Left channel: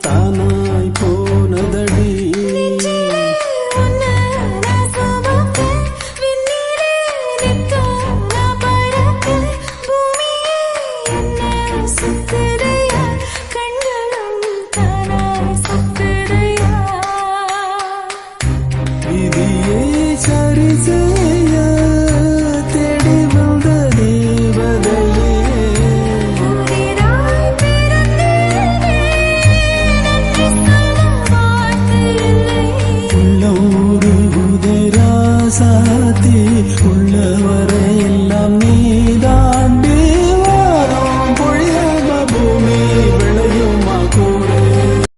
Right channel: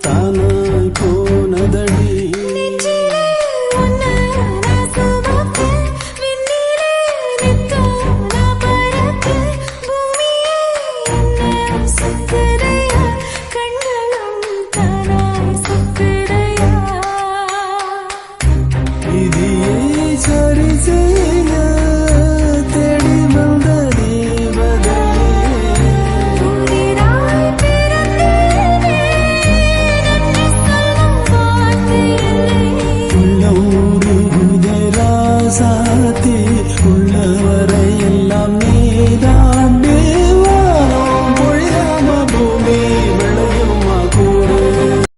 தானாய் போனதடி விதியை சரி செய்ய தேடி வந்த தேவதையே உள்ளூரு உதராசாத்தி உள்ளவர்